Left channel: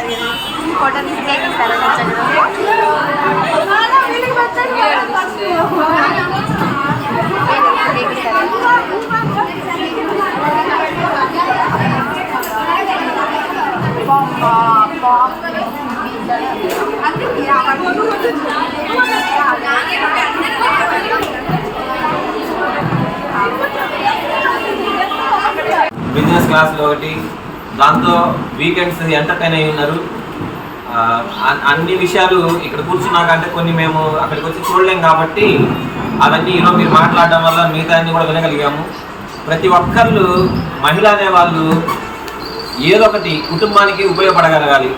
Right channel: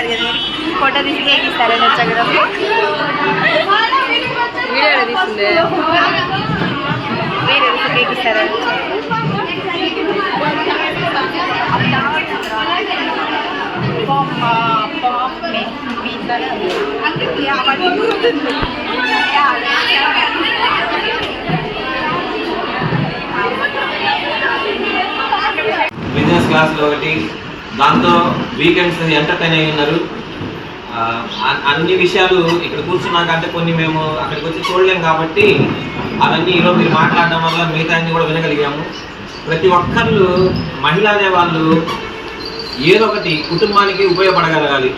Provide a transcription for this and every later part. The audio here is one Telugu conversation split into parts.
అది ఫోటో తీసి కేక్ ఇస్తారా నచ్చగడం కేక్ ఇస్తారా బిజినెస్ క్లాస్లో ఒకటి, దాంతో వీకెండ్స్ ఎంటర్టైన్ అయి ఉన్నారు. అన్ని విషయాలు ఇక్కడ కూర్చున్నాకంటే కొన్ని మేము అక్కడికి వచ్చి చూడలేం కాబట్టి అవన్నీ ఈరోజు మీరు మాట్లాడడం వల్ల మిగతా అన్ని కూడా వినగలిగాము. ప్రతి ఒక్కళ్ళు మహిళ అనేవాళ్ళు ఏదో ఒకటి కుటుంబానికి ఉపయోగపడగలగాలి.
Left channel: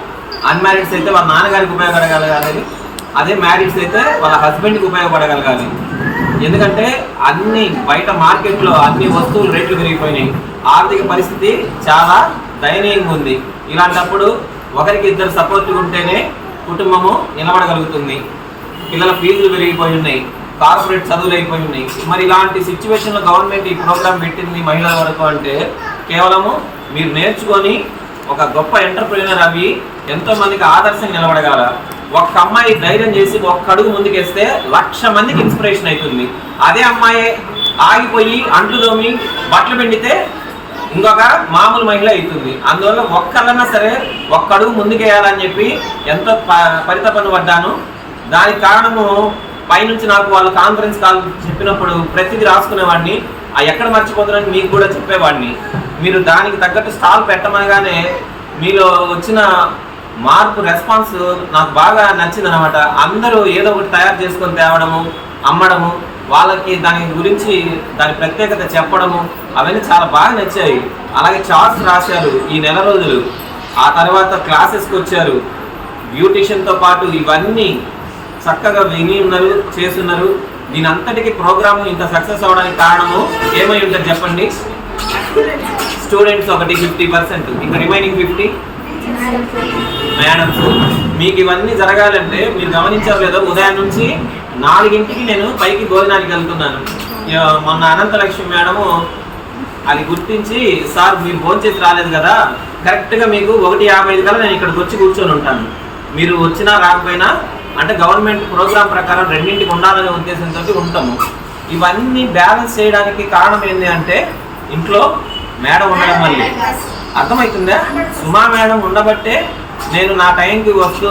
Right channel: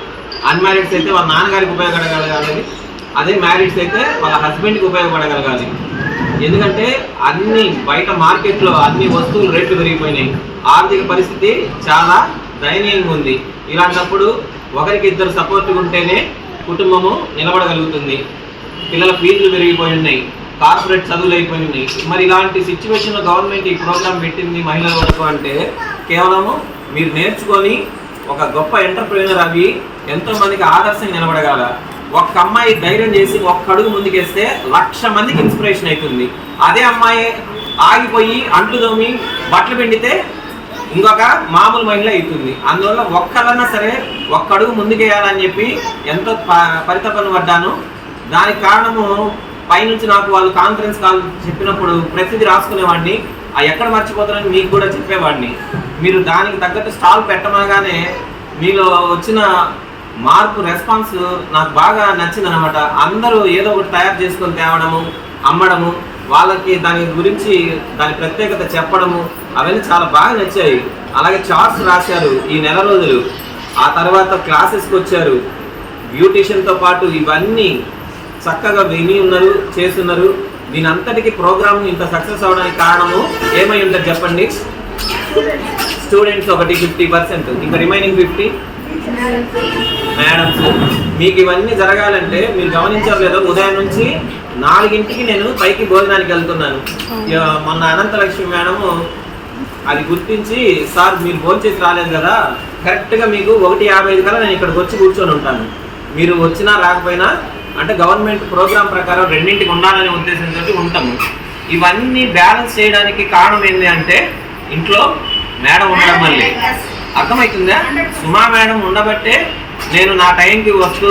అన్మ్యారీడ్స్ అయితే వాళ్ళ నాన్నగారికి ఉపయోగపడగలగాలి, అదే మ్యారీడ్స్ అయితే వాళ్ళ హస్బెండ్కి ఉపయోగపడగలగాలి. ఎందుకంటే అన్ని బయట మార్కెట్లో అన్ని వస్తువులు రేట్లు పెరిగిపోయినాయి, ఆర్థిక పరిస్థితి చాలా దయనీయంగా ఉంది. ఇలాంటప్పుడు ఒకరికి ఇద్దరు సపోర్ట్గా ఉంటేనే కుటుంబము నిలబడగలుగుతుంది. పిల్లల ఫీజులు పెరిగిపోయి ఉన్నాయి, కార్పొరేట్ చదువులు అయిపోయి ఉన్నాయి. మరి ఇలాంటి సిచ్యువేషన్లో గవర్నమెంట్ ఈ ప్రోగ్రాం పెట్టింది మహిళల వరకు అంటే కేవలము మీరు నేర్చుకొని ఒక గొప్ప ఎంటర్ప్రెన్యూర్ అవి ఎంతోమందికి ఆదర్శంగా నిలబడగల. ఒక్క అమ్మాయి ధైర్యం చేసి ఒక్క అడుగు ముందుకేస్తే 1,00,000 మందికి ఇన్స్పిరేషన్ అవుతుంది. అదే అమ్మాయి ఆగిపోయి అంట్లు తోమి బట్టలు పిండితే ఇంకొక మామూలు మహిళ అవుతుంది. అందువల్ల ఒక్కళ్ళన్నా సరే ఒక్క అడుగు ముందుకేయాలని చెప్పి ఎంతో పరితపన పడ్డాను. దానికి కారణము పైనుంచి నాకు వాళ్ళు కాన్ఫరెన్స్ కాల్ చెప్పినప్పుడు ప్రతిదీ రాసుకునేవాడిని, ఎక్కడ మర్చిపోతానని మీకు కూడా చెప్పేవాడిని. మీరు దానికి తగ్గట్టు స్టాల్ పెట్టమనగానే మీలో వచ్చిన మార్పు రెస్పాన్స్ నాకు బాగా నచ్చిందనమాట. అందరూ ఏదో ఒకటి తయారు చేసుకొని తేవడము, అమ్మడము, వాళ్ళకి దాని గురించి దాని ప్రత్యేకత చెప్పడము అవన్నీ చాలా బాగా నచ్చాయి. అలాగే చార్ట్స్ రాశారు ఈ నెల రోజులు. ఆ తర్వాత క్లాసెస్కి వచ్చారు, బ్యూటిషియన్తో పాటు ఇవన్నీ చక్కగా విని ఉన్నారు, చేస్తున్నారు. దీని అంతటికీ ప్రోగ్రాము ఇంత సక్సెస్ అవ్వడానికి కారణము ఏమై ఉంటుంది చెప్పండి? స్టూడెంట్స్ ఒకటి 50%, ఇంకా రిమైనింగ్ 50 మేడమ్స్. మీకు ఇవన్నీ జరగాలంటే మీరు గమనించారు లేదా, ఉదయం నుంచి 4ంటికి నేను పైకి భోజనానికి వెళ్తున్నాను. మొన్న అనంతలక్ష్మి మేడము అది గుర్తించి, సార్ మీరు భోజనం చేసి రాలేదు కదా, కరెక్ట్గా మీకు 1:55 కల్లా నేను ఇక్కడికి వచ్చి కూర్చొని ఉంటాను. మీరు వచ్చినా రాకపోయినా అంటే గవర్నమెంట్ ప్రోగ్రాం ప్రకారం 2ంటికి ఉండాలనే ఉద్దేశంతో ఉంటాము. ఇవన్నీ బ్యాలెన్స్ చేయడానికి కారణం ఏంటి అంటే ఇంట్లో మేడం ఉండడం వల్లే. అర్థమవుతుందా? సుమా మేడం ఉండబట్టే నేను నా టైంకి వస్తూ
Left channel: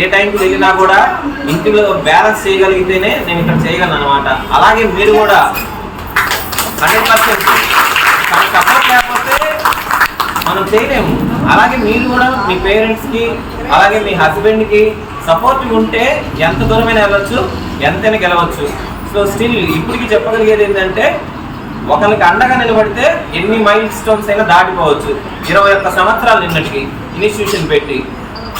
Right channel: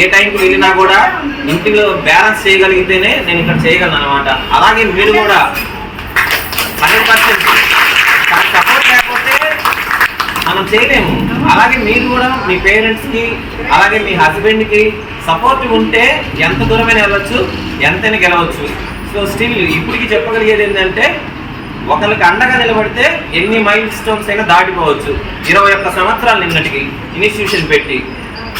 ఏ టైంకి వెళ్ళినా కూడా ఇంటిలో బ్యాలెన్స్ చేయగలిగితేనే నేను ఇక్కడ చేయగలను అనమాట. అలాగే మీరు కూడా 100% తన సపోర్ట్ లేకపోతే మనం చేయలేము. అలాగే మీరు కూడా మీ పేరెంట్స్కి అలాగే మీ హస్బెండ్కి సపోర్ట్ ఉంటే ఎంత దూరమైనా వెళ్ళొచ్చు, ఎంతైనా గెలవచ్చు. సో స్టిల్ ఇప్పటికీ చెప్పగలిగేది ఏంటంటే ఒకరికి అండగా నిలబడితే ఎన్ని మైల్ స్టోన్స్ అయినా దాటిపోవచ్చు. 21 సంవత్సరాలు నిన్నటికి ఇన్స్టిట్యూషన్ పెట్టి.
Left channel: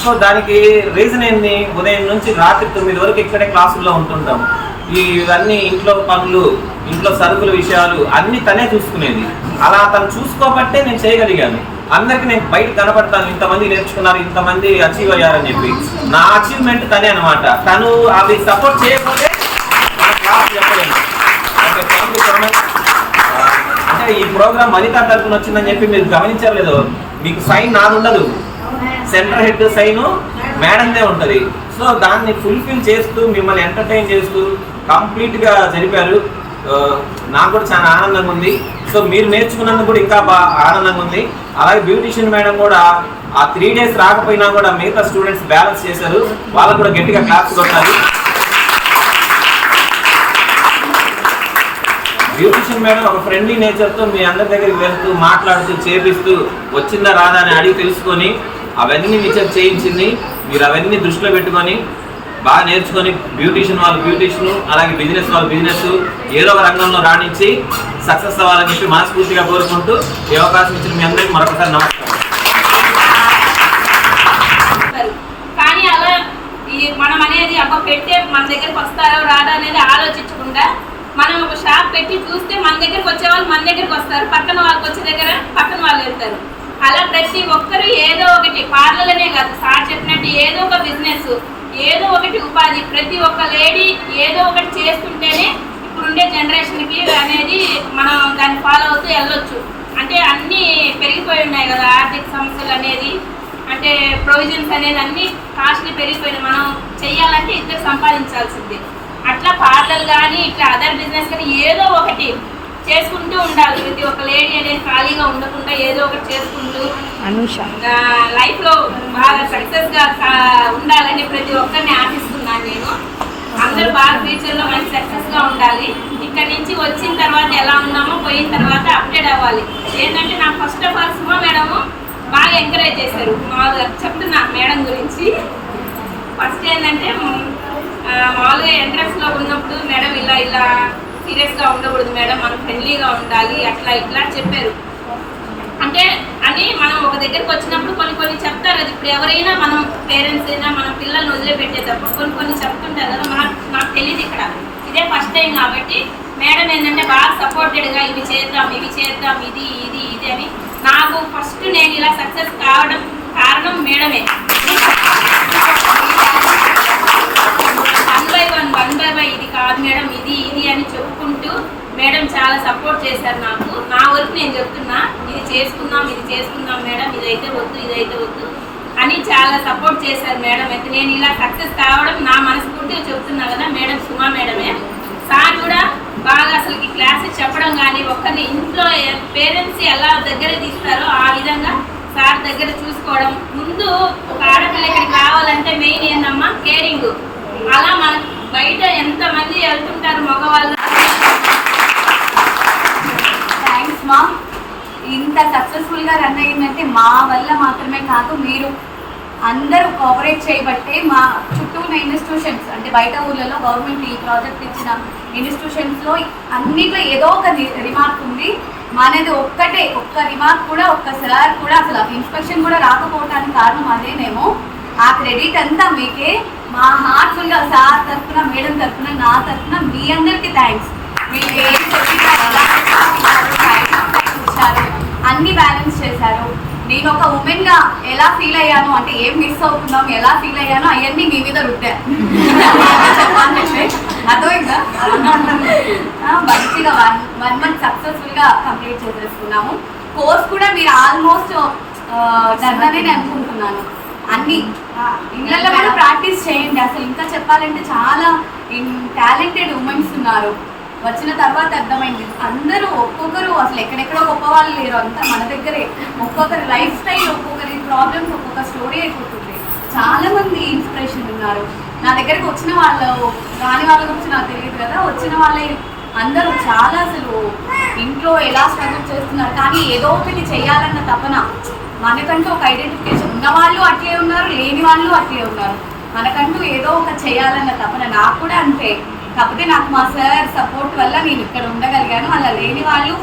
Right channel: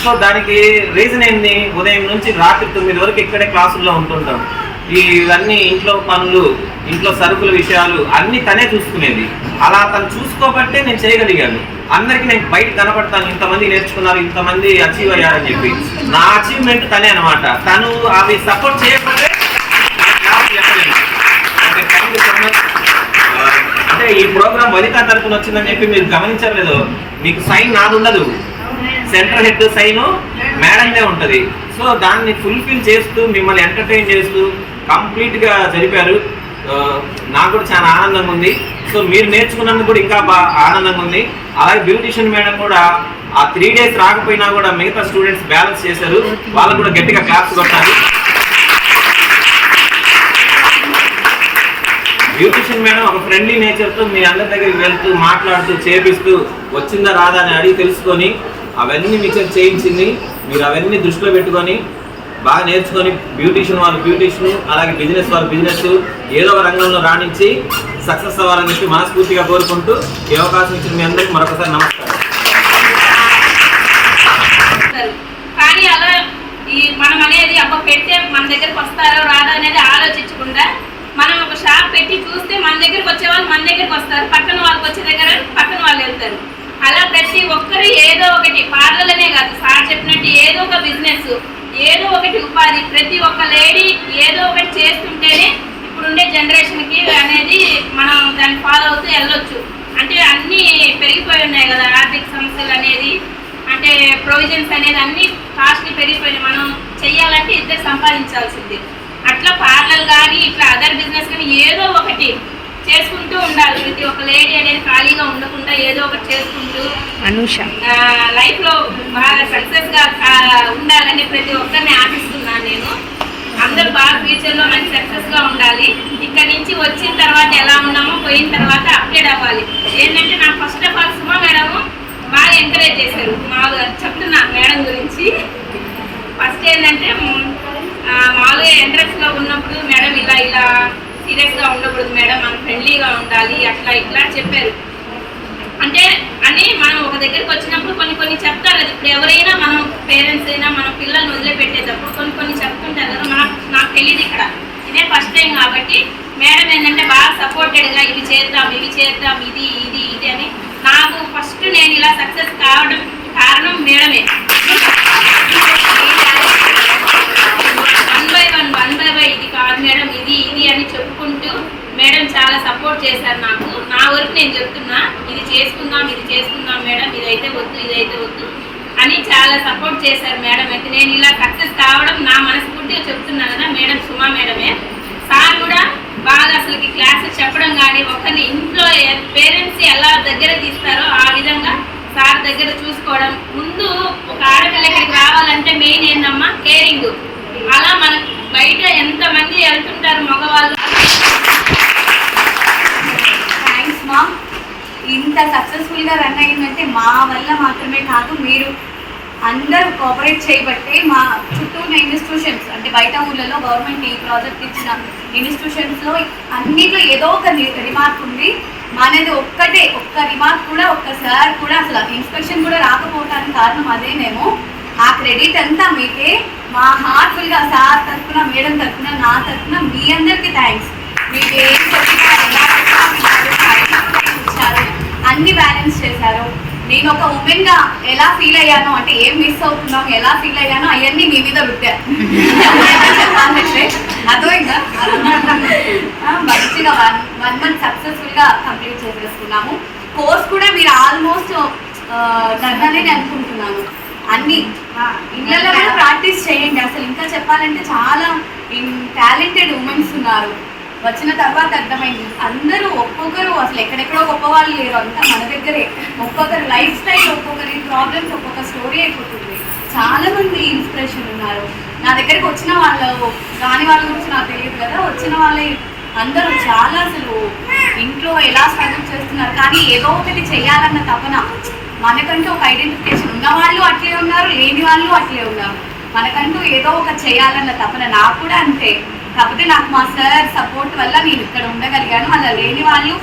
సో దానికి రీజన్ ఏంది? ఉదయం నుంచి రాత్రి 9 వరకు ఇక్కడే క్లాసుల్లో ఉంటుంటాం. ఇవన్నీ ఇంట్లో పనులు, ఇంట్లో సరుకుల విషయాలు అన్నీ తనే చూసుకునేది. అలా తను చూసుకోబట్టే నేను చేయగలిగాను. అందరికీ నేను బయట కనపడతాను, ఇంతమంది నేర్చుకున్నారు, ఇంతమంది అచీవ్ అయ్యారని చెప్పి. నా అచీవ్మెంట్ తనే అనమాట. తను అవి సపోర్ట్ చేయకపోతే క్లాస్ చెప్పలేను. Okay, thank you so much. అంటే ఈ ప్రోగ్రామ్ వనిత తరఫున వచ్చిందని చెప్పి మీరు గమనించారు లేదో, మీకు సైన్ నాది ఉండదు, సెంటర్ హెడ్ సైను మేడందే ఉంటుంది. సో దాన్ని ఫుల్ఫిల్ చేస్తూ మిమ్మల్ని ఎంటర్టైన్ చేస్తూ కంప్లీట్గా జరిపారు. నాకు కూడా చాలా ఆనందంగా ఉంది. సో మీరు నేర్చుకున్నందుకు కూడా ఇంకా బాగా ఆనందంగా ఉంది. అలాగే బ్యూటిషియన్ మేడం కూడా ఆ 3 days రాకపోయినా కూడా మిగతా స్టూడెంట్స్ బ్యాలెన్స్ చేశారు. వాళ్ళకు కూడా గట్టిగా క్లాప్స్ కొట్టాలి. బ్యూటిషియన్ మేడం ఒక ఫ్రెండ్లీ నేచర్తో మీ అందరి దగ్గరికి వెళ్తూ మాట్లాడుతూ చేపిస్తూ వచ్చిందా రాదా అని అడిగి తెలుసుకొని అవన్నీ మీకు చేయించింది. మీరు అవన్నీ దృష్టిలో పెట్టుకొని బాగా నేర్చుకొని బ్యూటిషియన్ వాళ్ళు బ్యూటిషియన్, అలాగే బిజినెస్ వాళ్ళు బిజినెస్, ఏదో ఒక రంగంలో రాణించి సక్సెస్ అవ్వాలని చెప్పి మనస్ఫూర్తిగా కోరుకుంటూ ఈ అవకాశం ఇచ్చిన మీ అందరికీ మరొకసారి నమస్కారం. కానీ అలా మనం అనేది అబ్బా పెడితే మన దగ్గరికి వస్తారో రాదో అనేది ఆలోచించకుండా మనం ఒక షాప్ పెట్టి చూస్తే మన దగ్గరికి వచ్చే వాళ్ళు మన దగ్గరికి వస్తారు, పక్కన వాళ్ళకి వచ్చే దగ్గర పక్కన వాళ్ళు వెళ్తారు. అలా ప్రతి ఒక్కరు ఏదో ఒకటి, పార్లర్లనే కాదు సార్ చెప్పినట్టు ఏదో ఒక బిజినెస్, ఏదో ఒకటి ఉపాధి, ప్రతి ఒక్క లేడీ ఏదో ఒకటి చేస్తుంటేనే ఇప్పుడుండే జనరేషన్కి అనేది మనం దాన్ని ఫాలో అవుతూ వెళ్ళొచ్చు. అంటే అన్నీ పెరిగిపోయి ఉన్నాయి కదా, ఆర్థిక సమస్యలు అనేది. అంటే ప్రొవిజన్స్ అనేది అన్ని కాస్ట్లీ పెరిగిపోయినాయి. మనం చెయ్యాలంటే ఇద్దరు సంపాదించాల్సింది. అట్లా పార్లర్ కానీ ఇట్లా అదర్ బిజినెస్ కానీ ఏదో ఒకటి చేసుకుంటూ ఉండాలి. ప్రతి ఒక్క లేడీ అనేది ఖాళీగా ఉండకుండా ఏదో ఒకటి చేసుకుంటూ లైఫ్లో బాగా సక్సెస్గా ఉండాలని ప్రతి ఒక్కరిని ఆశిస్తున్నాను నేను. అందరూ బాగా ఫ్యూచర్లో మంచి సక్సెస్గా ఉండాలి. ఇక్కడ నుంచి వచ్చిన తర్వాత ఎలా ఉన్నామో పోయిన తర్వాత అప్డేట్ అవ్వాలి. ఏంటంటే నాకు first of all Suma madam బాగా ఎంకరేజ్ చేశారు. మామూలుగా చెప్తున్నా మేడం గురించి. ఫస్ట్ ఏంటంటే మామూలుగా ఎంట్రన్స్లో ఉన్నప్పుడు మేడం ఇలా సీరియస్గా ఉండకూడదు మేడం, మనం ఫ్రెండ్లీగా ఉండాలి, అట్లా ఇట్లా చెప్పారు. అంటే అని మనం ఒక దగ్గరికి వచ్చినప్పుడు కొన్ని చెప్తారు కదా. ఇప్పుడు ఎవరైనా మనం పేరెంట్స్ అయినా మన పిల్లల్ని వదిలిపెట్టేటప్పుడు కొన్ని చెప్తుంటారు కదా. నాకు తెలియదు ఇక్కడ, ఇదే ఫస్ట్ టైం కాబట్టి మేడం ఏంటంటే బాగా సపోర్టెడ్గా ఇది చేద్దాం ఇది అని. నాకు ఫస్ట్ నేను ఇలా సక్సెస్ కావడం కారణం మేడమే. వన్ బై వన్ ఇది కాదు మేడం, ఇది అని చెప్పుకుంటూ మేడం చాలా సపోర్ట్ చేశారు నాకు. నా వరకు నేను చెప్తున్నా, ఇది చేసుకుందాం మేడం, ఇదైతే వద్దు అని చాలా సపోర్ట్ చేశారు మేడం. అయితే నేను ఇలా సక్సెస్ కావడం నా మనస్ఫూర్తిగా చెప్తున్నా కదా మేడం, సుమా మేడమే. సార్ కూడా బాగా అసలుకి క్లాసెస్ చెప్పడం కానీ ఒక్కరిని ఇంట్లో పేరెంట్స్ ఎలా దగ్గర తీస్తారో ఆ విధంగా సార్ దగ్గర చూసుకోవడం. ముందు ఒక ఆడపిల్ల ఇక్కడికి రావాలంటే మెయిన్ ఏంటమ్మా కేరింగ్. అలా మనకు బయట ఎంతమంది వెళ్తుంటారు మగవాళ్ళు. థ్యాంక్స్ మా. ఇంత సక్సెస్ఫుల్గా రన్ అయ్యిందంటే మా వల్ల మాత్రమే కాదు, మీరు అందరూ కోఆపరేట్ చేయబట్టే. మా చుట్టూ ఉన్న ఇన్స్టిట్యూషన్స్ అంటే బయట ఊళ్ళలో గవర్నమెంట్ ఈ ప్రాజెక్ట్ ఇచ్చిన ఇన్స్టిట్యూషన్స్లో అన్నిట్లో ఏదో ఒక రిమార్క్ ఉంది. మనది ఒక్క రిమార్క్ కూడా ఒక్కసారి కూడా అసలు ఇన్స్పెక్షన్ కూడా రాకపోవడానికి కారణం అదేనేమో. ఆ క్రెడిట్ అంతా మీకే. మా హార్ట్ఫుల్గా సార్ తరఫున మేడం తరఫున నా తరఫున మీ అందరికీ థ్యాంక్స్. మీరు ఏం చెప్పినా ఎలా ఇచ్చారు, అన్ని బ్యాలెన్స్ చేశారు. నేను ఒక ఉమెన్గా ఎలా ఫీల్ అయ్యాను అంటే ఏం మిస్ అవుతున్నాం ఎలా ఫీల్ అయ్యానో అవన్నీ మీ మీద రుద్దా చెప్పాలంటే అర్థమైందా. మంచిగా వన్ మంత్ సక్సెస్ఫుల్గా కంప్లీట్ చేసేసుకున్నాము. కోర్స్ కూడా మీరు ఆల్మోస్ట్ దన్ననే అనుకుంటున్నాను. అన్ని ఇళ్ళల్లో కూడా ప్రాక్టీస్ చేయండి. అసలు ఇంకా చెప్పాలంటే చాలా టాలెంటెడ్ ఉమెన్స్ ఉన్నారు. వచ్చిన తర్వాత అర్థమైంది అందరూ ఒక్కొక్కరు అసలు ఎక్కడెక్కడో గొప్ప వాళ్ళు లేరు, అంతా మన దగ్గరే. ఒక్కొక్కరు లైఫ్ స్టైల్, ఒక్కొక్కరి ప్రాబ్లమ్స్, ఒక్కొక్క స్టోరీ అయిపోతుంది. చాలా మంది ఇన్స్పిరేషన్ ఉన్నారు. నా దగ్గరికి వచ్చిన వాళ్ళు రాని వాళ్ళ గురించి నాకు తెలియదు కదా, వచ్చిన వాళ్ళే అందరూ చాలా అసలు ఇంట్లో ఎలా స్ట్రగుల్ చేస్తున్నారు, కానీ ఏదో ఒకటి చేయాలన్న తపన. మనకంటూ ఒక ఐడెంటిఫికేషన్ ఉన్న వాళ్ళు అట్లే ఉన్నారు, లేని వాళ్ళు అట్లే ఉన్నారు. మనకంటూ ఏదో ఒక చేయాలన్న తపన. నాకు కూడా అంతే. కాకపోతే నాకు మా సార్ సపోర్ట్ వల్ల నేను ఇక్కడ ఉండగలిగాను. అలా లేని వాళ్ళు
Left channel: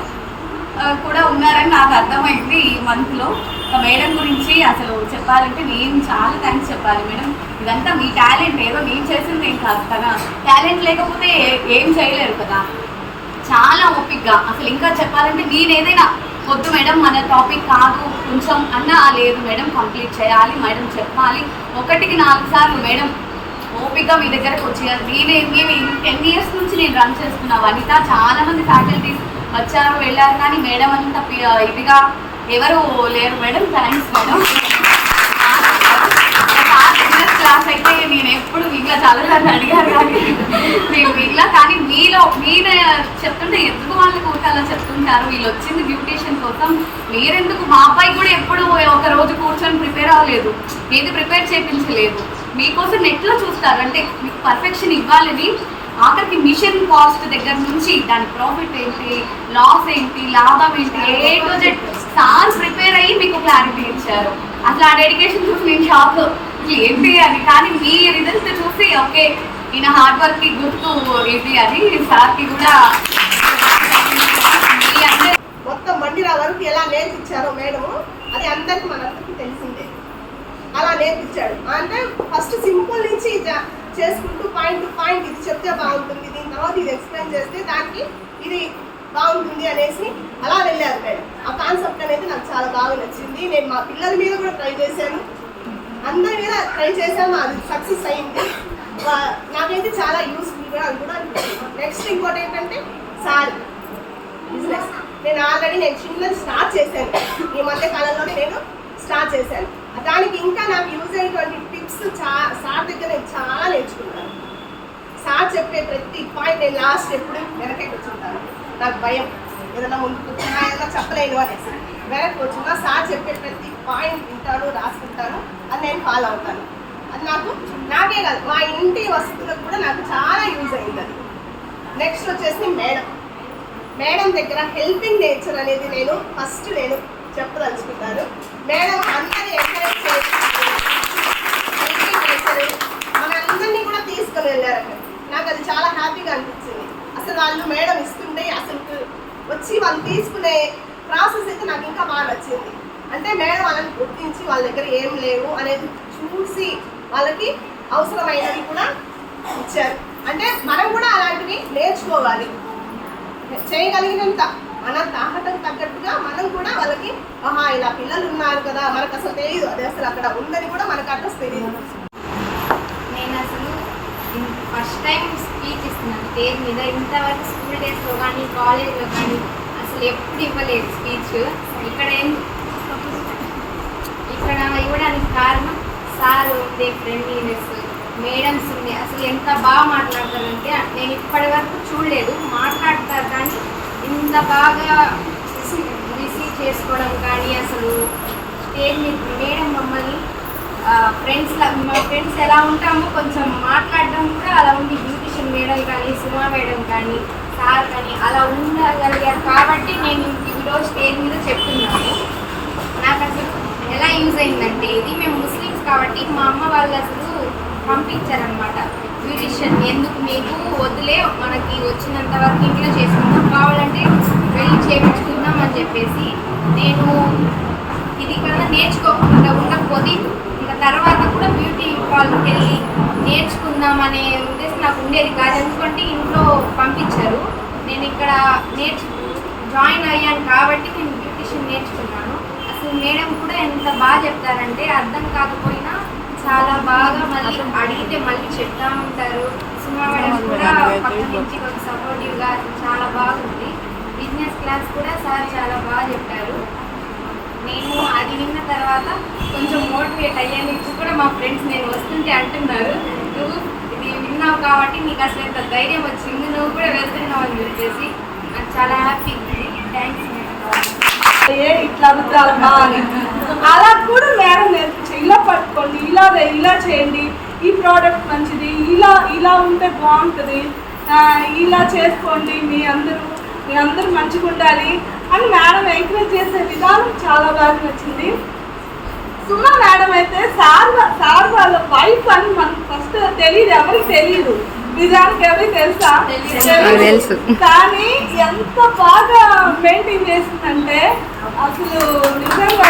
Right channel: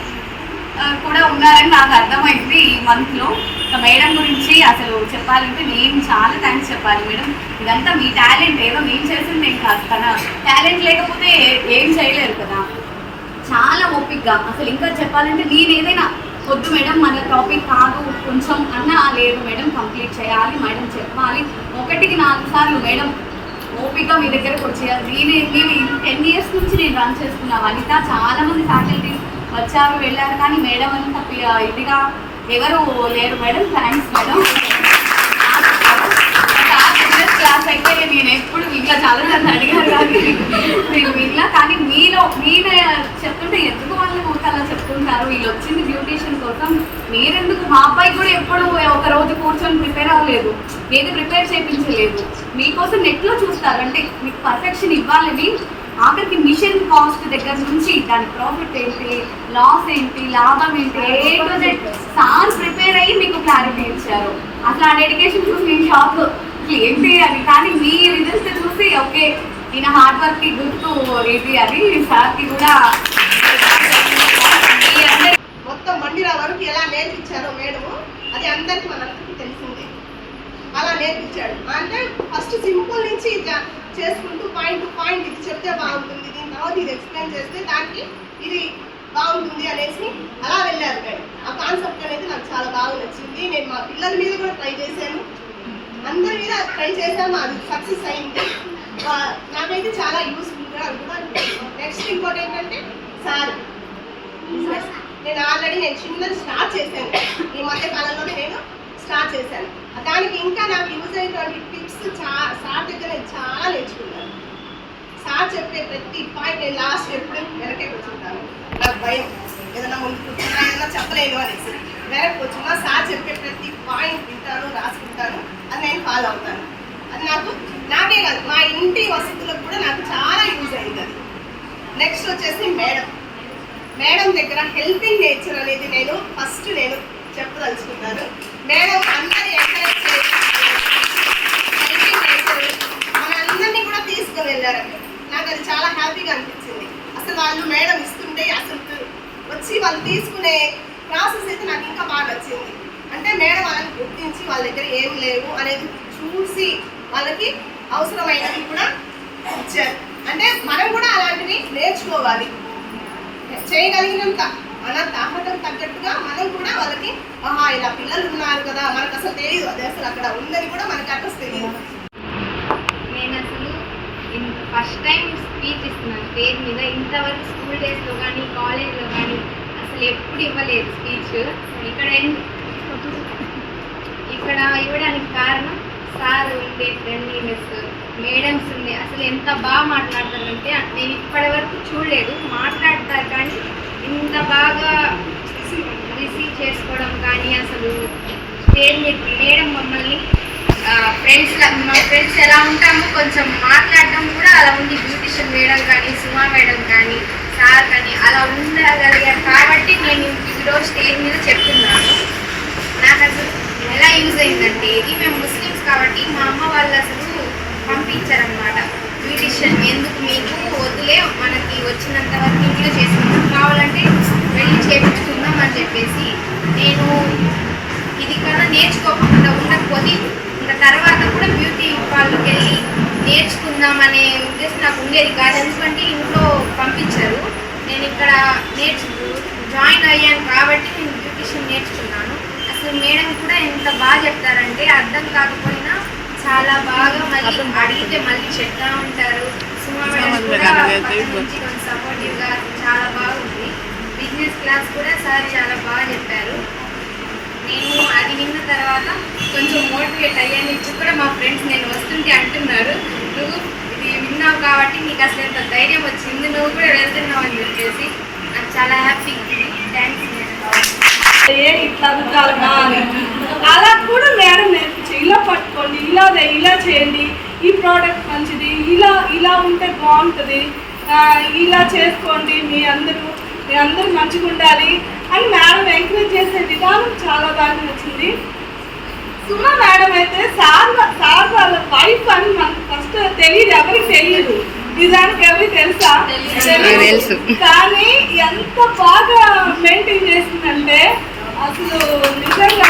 కూడా ఉన్నారని నాకు అర్థమైంది ఈ మంత్లో. ఇంకా మేడం గురించి అసలు చెప్పాలంటే నేను చాలా థ్యాంక్స్ చెప్పాలి మేడం. ఇదంతా మీ టాలెంట్, ఏదో నేను చేసింది ఏం కాదు. తన టాలెంట్ లేకపోతే ఏం చేయలేరు కదా. చాలా ఓపిక్గా అసలు ఇంకా చెప్పాలంటే నేను ఏదైనా వద్దు మేడం మన టాపిక్ కాదు కొంచెం అన్నా, లేదు మేడం కంప్లీట్ చేయాలి, మేడం చెప్పాలి, 1కి 4 సార్లు మేడం ఓపిక మీ దగ్గరకు వచ్చేయాలి. మేము 10 years నుంచి నేను రన్ చేస్తున్నా వనిత. చాలామంది ఫ్యాకల్టీస్ వచ్చారు వెళ్ళారు, కానీ మేడం అంత ఇదిగా ఎవరు లేరు మేడం. Thanks madam. క్లాస్ అయితే నేను ఎప్పుడు ఇంకా చాలాసార్లు అడిగారు కానీ నేను వీళ్ళ, కానీ మీలో చెప్తుంటే ఎందుకు వాళ్ళకి ఊరికల్లా చెప్తుంటారు, వీళ్ళు వచ్చింది బ్యూటీషియన్ కోసం, మీరెందుకు. మా అబ్బాయి కూడా ఎప్పుడు ఒక రోజు కూర్చొని ప్రిపేర్ అవ్వలేదు, ఏది ప్రిపేర్ చేయించలేదు. మీకోసం నెట్లో చూస్తారు, అంటే మీకు పర్ఫెక్షన్ ఇవ్వాలని. ఆఖరికి మిషన్ కాస్ట్ దగ్గర నుంచి దాని ప్రాఫిట్ ఏంటి, లాస్ ఏంటి, లాభం ఏంటి, A to Z sir prepare అయ్యి మీకు క్లారిటీ ఇచ్చారు. అసలు ఆ డెడికేషన్ చూసి నేను షాక్ ఏంటి అని. కానీ మీ రిజల్ట్స్ చూసి ఓకే ఈయన హార్డ్ వర్క్కి గుర్తు ఇది అని సార్కి కూడా మొత్తం మందిరా వరకు ఎలా నేర్పించారో మేడము అది అందరికీ మనందరికీ తెలిసిందే. అలా నేర్పించాడు. అంటే ఫస్ట్ సింపుల్ నుంచి చేసుకుంటూ పాయింట్ టు పాయింట్ ఇది చెప్తే బాగుంటుంది, దీని తర్వాత ఇది ఎక్స్ప్లెయిన్ చేస్తే దానికి ఇది బాగుంటుంది అనేసి అలా వెళ్ళారు మేడం. ఆ కాన్సెప్ట్ అనేది నాకు చాలా బాగా నచ్చింది. నేను మా పిల్లల మీద కూడా ట్రై చేశాను, అందరి మీద ట్రై చేశాను, అది సక్సెస్ అయింది. నాకైతే చాలా యూస్ఫుల్గా కూడా. నెక్స్ట్ ఇంకోటి ఏంటంటే సారీ బిజినెస్. నేను చిన్నది స్టార్ట్ చేశాను, ఈ మధ్య కాలంలో నేను స్టార్ట్ చేశాను. దానికి ఇంకా ప్రతి పాయింట్ నేను లాస్ట్ ఎప్పుడు వెనకే కూర్చుంటాను. నాకు భయం ఏదైనా ముందు కూర్చున్నా ఏదైనా చెప్పలేను అనేసి వెనక్కి కూర్చున్నా సార్ చెప్పే ప్రతి పాయింట్ వింటాను, రాసుకుంటాను, అది నేను ఫాలో అవుతాను. అది నాకే కాదు మా ఇంటి వసతులకు కూడా నాకు చాలా యూజ్ అయింది అది. నెక్స్ట్ వచ్చేసి మేడం దగ్గర హెల్పింగ్ నేచర్ అనేది నేను చెప్పదలుచుకుంటాను. మేడం అందరూ ఎంకరేజ్ చేసి హెల్పింగ్ నేచర్ మనందరినీ కూడా తీసుకుని వెళ్ళారండి. నాకు అది చాలా హ్యాపీగా అనిపించింది. అసలు వాళ్ళు మేడం ఇస్తుంటే అసలు వచ్చి వాళ్ళు తీసుకునే ప్రాసెస్ అయితే నాకు ఇంకా బాగా నచ్చింది. అంటే మేడం వాళ్ళని గుర్తించి వాళ్ళ దగ్గర ఏం లేవు అనేది చూసి వాళ్ళకి అవసరమైనవి కూడా ఇచ్చారు. అంటే మనం కూడా అలాంటివి నేర్చుకోవాలి. చేయగలిగినంత మన తాహతకు తగ్గట్టుగా మనం కూడా వాళ్ళకి ఇలా పిల్లలు ఉన్నారు కదా, మనకు అసలు తెలియదు అది అసలు అక్కడ ఉందని కూడా మనకు అడ్రస్ తెలియదు. నేను అసలు ఫస్ట్ టైం స్పీచ్ ఇస్తున్నాను స్టేజ్ మీద. ఇంతవరకు స్కూల్ డేస్లో కానీ కాలేజ్లో కానీ అసలు ఎప్పుడు ఇవ్వలేదు స్పీచ్. ఇక్కడ ఇవ్వడానికి కారణం సార్ ఉండే ఫ్రెండ్లీనెస్, మేడమ్స్ ఉండే అసలు ఎంత బాగా మాట్లాడతారంటే నేను ఇప్పటి వరకు చూడలేదు. మాట్లాడతారు కానీ ఇంత బాగా రిసీవ్ చేసుకోవడం కానీ అసలు స్టేజ్ మీద మేడం మమ్మల్ని మా ఫ్రెండ్స్ ఎలా ఉంటామో కొంచెం మాట్లాడడం కూడా అలా ఉంది. బ్యూటిషియన్ మేడం కానీ సుమా మేడం కానీ సార్ కానీ అలా ఉండగలిగారు కాబట్టి నేను ఈరోజు స్టేజ్ మీద చెప్తున్నాను. నాకు అసలు ఎలా యూజ్ అయిందంటే ఇది మేము ముస్లిమ్స్ కాబట్టి మా అమ్మ వాళ్ళు అసలు పంపించారనమాట. బ్యూటిషియన్ ఎందుకు మీకు వదిలే, మనకి వచ్చినంత వరకు ఇంట్లో చేసుకుందాం, కావాలంటే వెళ్ళి చేయించుకుందాం అని చెప్పేసి నేను ఇది కన్నా నేర్చుకోకుండా ఉండకపోతే ఇంకా తర్వాత కూడా బ్యూటీ వాళ్ళకి వెళ్ళి నేర్చుకుందాం అనే ఉద్దేశం నాకు ఉండేది కాదు. ఎందుకంటే ఇంట్లో పంపించారు. నేను ఇక్కడ జాయిన్ అయ్యాను కాబట్టి నేను బ్యూటిషియన్ నేర్చుకున్నాను. అసలు మేడం కూడా ఎంత బాగా చెప్తారంటే అర్థం కాకపోయినా చాలా బాగా మళ్ళీ అడిగితే మళ్ళీ చెప్తా ఉంటారు. సుమా మేడం కూడా పక్క నుంచి కొంచెం సపోర్టివ్గా చాలా బాగుంది. బిజినెస్ క్లాస్ కూడా సార్ చాలా బాగా చెప్పారు. నేను అది విన్న తర్వాత కొంచెం మోటివేట్ అయ్యాను. ఇప్పుడు కూడా మా ఫ్రెండ్స్ నేను వస్తుంటే అంటున్నారు, నువ్వు ఇది విన్నావు కాబట్టి నీకు అసలు ఎంత ధైర్యం వచ్చింది, నువ్వు కూడా వెళ్తున్నావు అని చెప్పేసి నాకు చాలా హ్యాపీ. థ్యాంక్స్. ఇట్లా రుద్దాలమ్మా అని అలా కూడా మేడం నేర్పించి ఇలా పట్టుకోండి, ఇలా చేయండి, ఈ ప్రోడక్ట్ మంచిది, ఇలా ఉంటే బాగుంటుంది, ఇలా చేసుకోండి, మీ అందరూ మంచిగా ఉండాలి అని మేడం ఎంకరేజ్ చేసే విధానం చాలా బాగా నచ్చింది. సుమా మేడం అయితే సార్ వాళ్ళ వైఫ్ అని మనకు ఫస్ట్ తెలియదు, ఎవరికి తెలియదు. నిజానికి ఎవరికి తెలుసా? తెలుసు. కానీ ఎంత బాగా మెయింటైన్ చేసిందంటే అసలు నిజంగా